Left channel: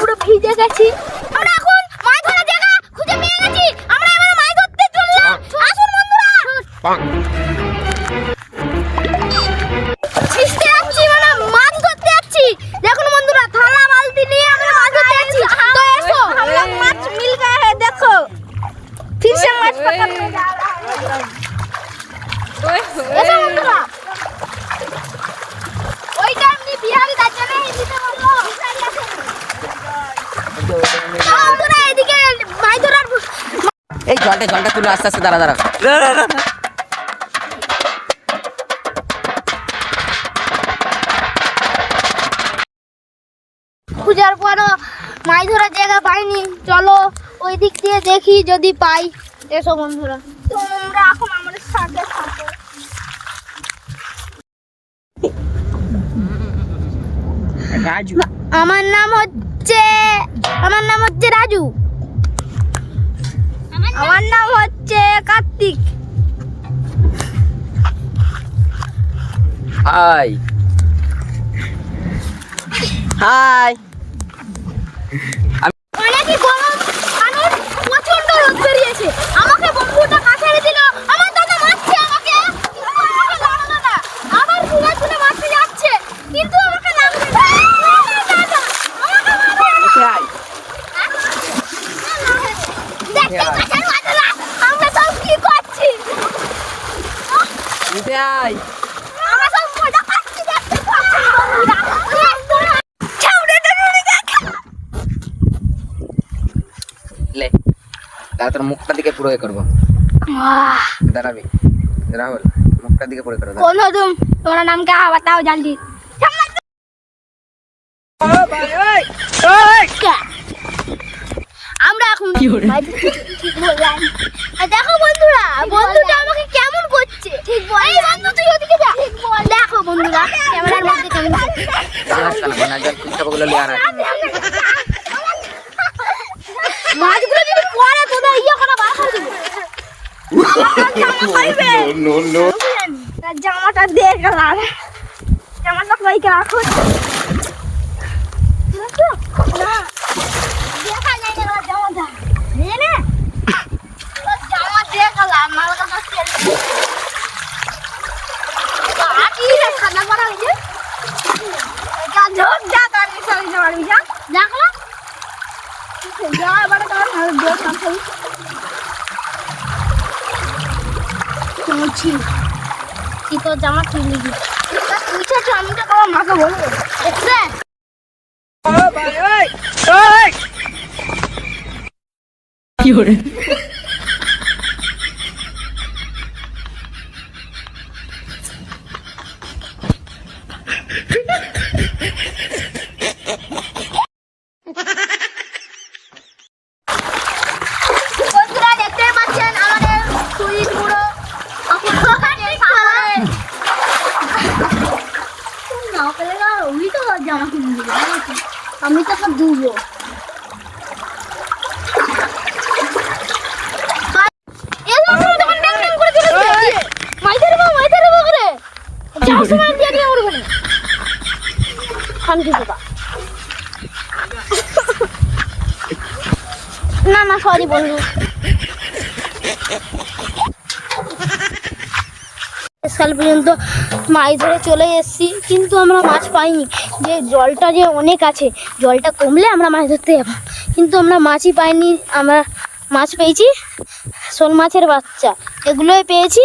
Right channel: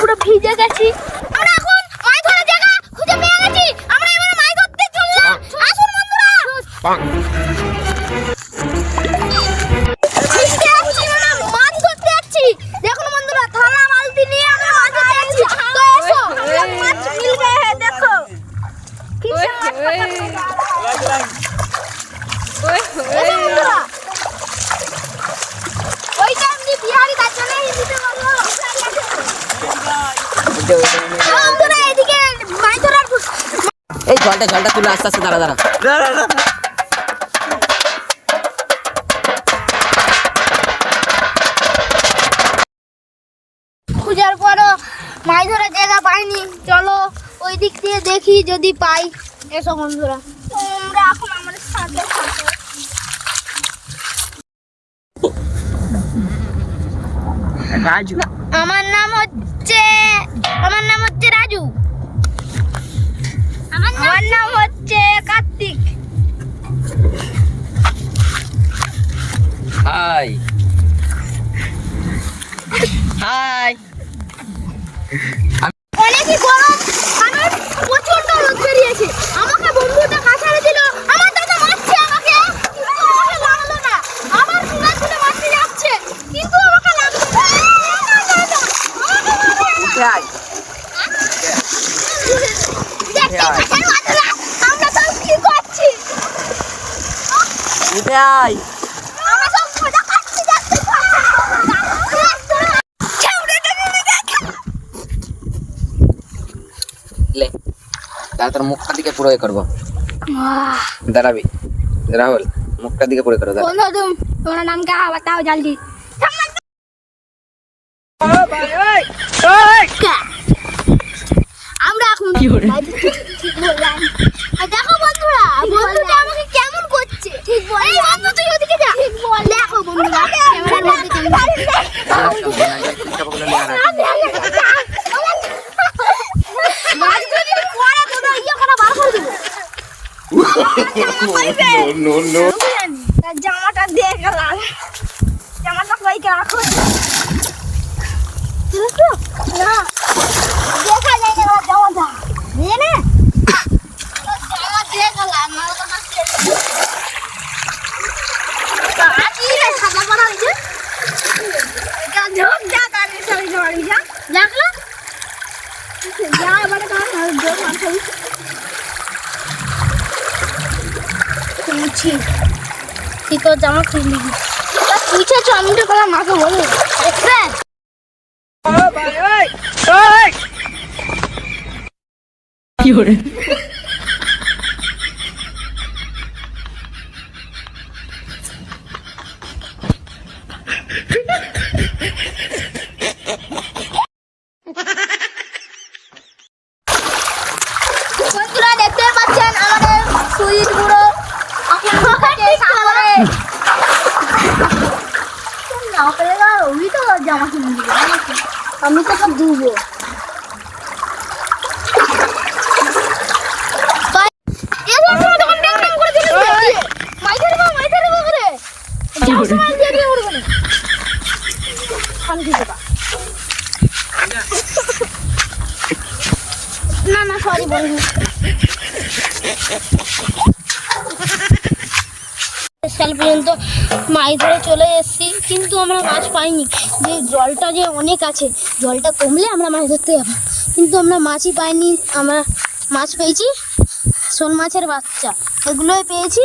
পুরো ভিজে গেছি। আমরা এখন মাছ ধরার জায়গা খুঁজে পেয়ে গেছি। আমরা এবার মাছ ধরতে চললাম। আসুন বন্ধুরা। মাছ ধরতে যাচ্ছি। দেখুন বন্ধুরা, থালা বালতি নিয়ে আমরা মাছ ধরতে যাচ্ছি। তো এসো, আমরা মাছ মিল গয়ে হ্যাঁ, দেখো फिर से माछ पकड़ने जा रहा है। ओए ओए ওই টাইমে বিহারি কাছে নেই দিতে বললো আমরা এদিকে মাছ ধরার এই জলটা তুলে আস্তে আস্তে দাঁড়া খুঁজার পরও মাছ ধরার জায়গা পাইনি। চলো ওই দিক দিয়ে দেখি যদি পাই। এসো বন্ধুরা, তোমরা এখন আমাদের সাথে থাকো। রাজু, আমার নাম হচ্ছে রাজু। আমার নাম হচ্ছে কার্তিক। High high. অনেকই গরম, কারণ প্রচন্ড রোদ বেরিয়েছে। আমাকে বন্ধুটা কাছে এনে দিল। আমার দাদা মারছে আমাকে, কিন্তু আমাকে লাগলো না। আবার ঘুরে ঘুরে মারতে যাচ্ছে, কিন্তু আমাকে লাগলো না। আমরা সব কি করছি? আমরা সব মজা করছি, দেখতে পাচ্ছি। লে দাঁড়া, তোর মুখটা দিকে পুরো এ করবো। দাঁড়াবি রাহুল, মুখটা দিকে পুরো করো। कौन हो तुम? तुम्हारा नाम क्या है बताओ जल्दी। আমরা এখন দেখো বন্ধুরা, বন্ধুটা আমাকে কেমন করছে। ঠিক বল, এই বন্ধু তুই ওদিকে যা। ঠিক বল, দেখো বন্ধুরা ক্যামেরার মধ্যে কেমন মাছগুলো যদি পড়ে তো ইয়ে করা বার করে দিবো। No. জামাটা দিয়ে গেলাম, জামাটা পাইকে রাখো না, দেখা যায় না জামাটা নিয়ে নে। জামা দিয়ে গেলাম মালকা মাছ সাদা করা হয়েছে। দেখলা যা এবারে তোমার তুই তো জামা খুললি তুইছে চমকে তোমার মাকে বলবে দেখবে। কি করে বন্ধুরা দেখতে পাচ্ছেন আমাদের সুইট গুলো জামা কিনে দিবে, আমি তো সব দিবে। না সরি বলবো। কাল পর্যন্ত মাছ ধরে চলে এসেছি, কিন্তু আমরা মাছ পাইনি। যে জলটা যে অনেক আছে, জলটা কমলে আমরা মাছ ধরতে যাবো, কিন্তু আমরা মাছই পাইনি। আমরা মাছ পেয়েছি শোল মাছের বাচ্চা, এগুলোই পেয়েছি।